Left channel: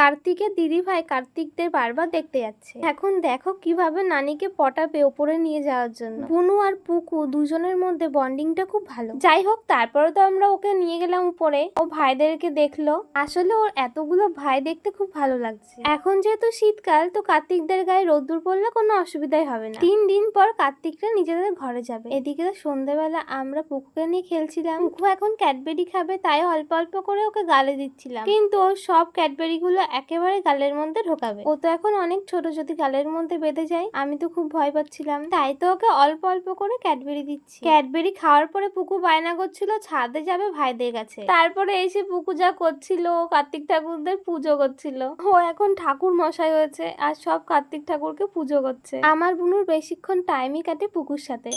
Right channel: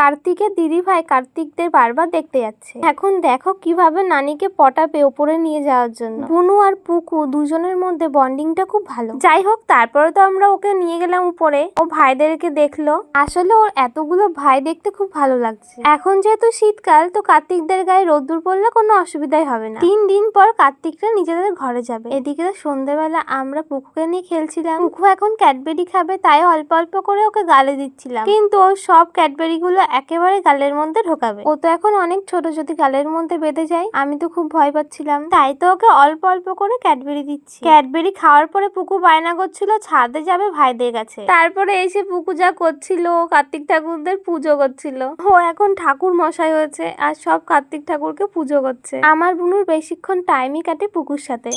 কার্তিকের দিদি ভাই কার্তিকদের বারবার দেখতে যাচ্ছে। এখন দেখো কিভাবে নানিকে পটাবে ওপরে নিয়ে যাওয়ার জন্য। বুনু আর পুকু দুজনের মধ্যে বন্ডিংটা খুব ভালো। যাই হোক, তারপরে তো আমরা ওকে নিয়ে গেলাম উপরে। ও ভাইদেরকে দেখলো। আসলে ওর এতগুলো ভাই দেখতে খুব ভালো লাগছে। এখন যেহেতু শীতকাল, তো কার্তিকদের গায়ে রোদ্দুর পড়লে কোনো অসুবিধাই হবে না। 3 দিন পর কার্তিকরা নিজেদের ঘরে যাবে। এদিকে সন্ধ্যেবেলা আমরা পুকুকে নিয়ে খেলছিলাম। পুকু এখন ক্যাডবেরি খাবে, তাই অল্প অল্প করে ওকে গালে দিচ্ছিলাম, কিন্তু ও সব ক্যাডবেরি গুলো একেবারে গালের মধ্যে ঢোকাবে। ও তো এখন অনেক ছোট, যদি গালের মধ্যে বেঁধে যায়। আমি তো খুব ভয় পাচ্ছিলাম, তাই তো ওকে অল্প অল্প করে ক্যাডবেরি দিচ্ছি। ক্যাডবেরি খাওয়ার পরে পুকু বায়না করছিল ছাদে যাবে ভাইদের কাছে। তারপরে এসে পুকু যা করছিল, কার্তিক ঠাকুরদের পুজো করছিল। ও এখন ঠাকুর মশাই হয়েছে আর সব কার্তিক ঠাকুরকে পুজো করছে। আমার বুনুর বেশিক্ষণ টাইমই কাটে পুকুর সাথে।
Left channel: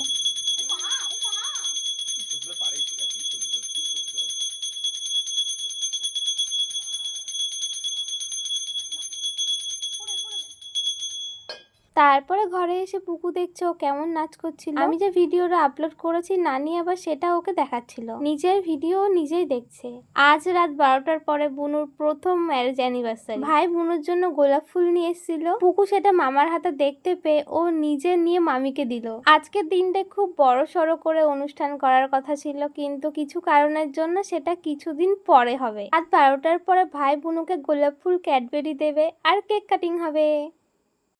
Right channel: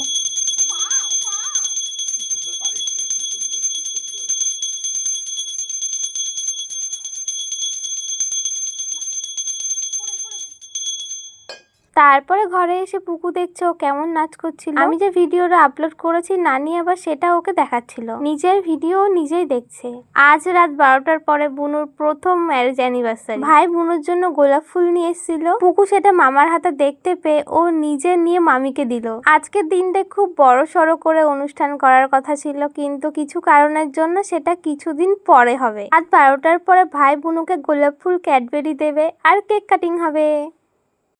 তারপরে ঘরে এসে পুকু দেখছে ও কেমন নাচ করছিল। আমি যে ভিডিওটা আপলোড করেছি, নানি আবার সেটা ওকে দেখাচ্ছিল। নিজের ভিডিও নিজেই দেখছে। আজ রাত 12টার পরে বুনুর প্রথম ম্যারেজ অ্যানিভার্সারি। ভাই বুনুর জন্য গোলাপ ফুল নিয়ে এসেছিল। পুকু সেটা মামার হাতে দেখতে পেয়ে ও নিজে নিয়ে মামিকে দিল। আজকের দিনটা খুব বড় সড়ো করে অনুষ্ঠান করার কথা ছিল, কিন্তু কিছু কারণের জন্য সেটা কিছুদিন পরে হবে। রাত 12টার পরে ভাই বুনুকে গোলাপ ফুল, ক্যাডবেরি দেবে আর কেক কাটিং হবে।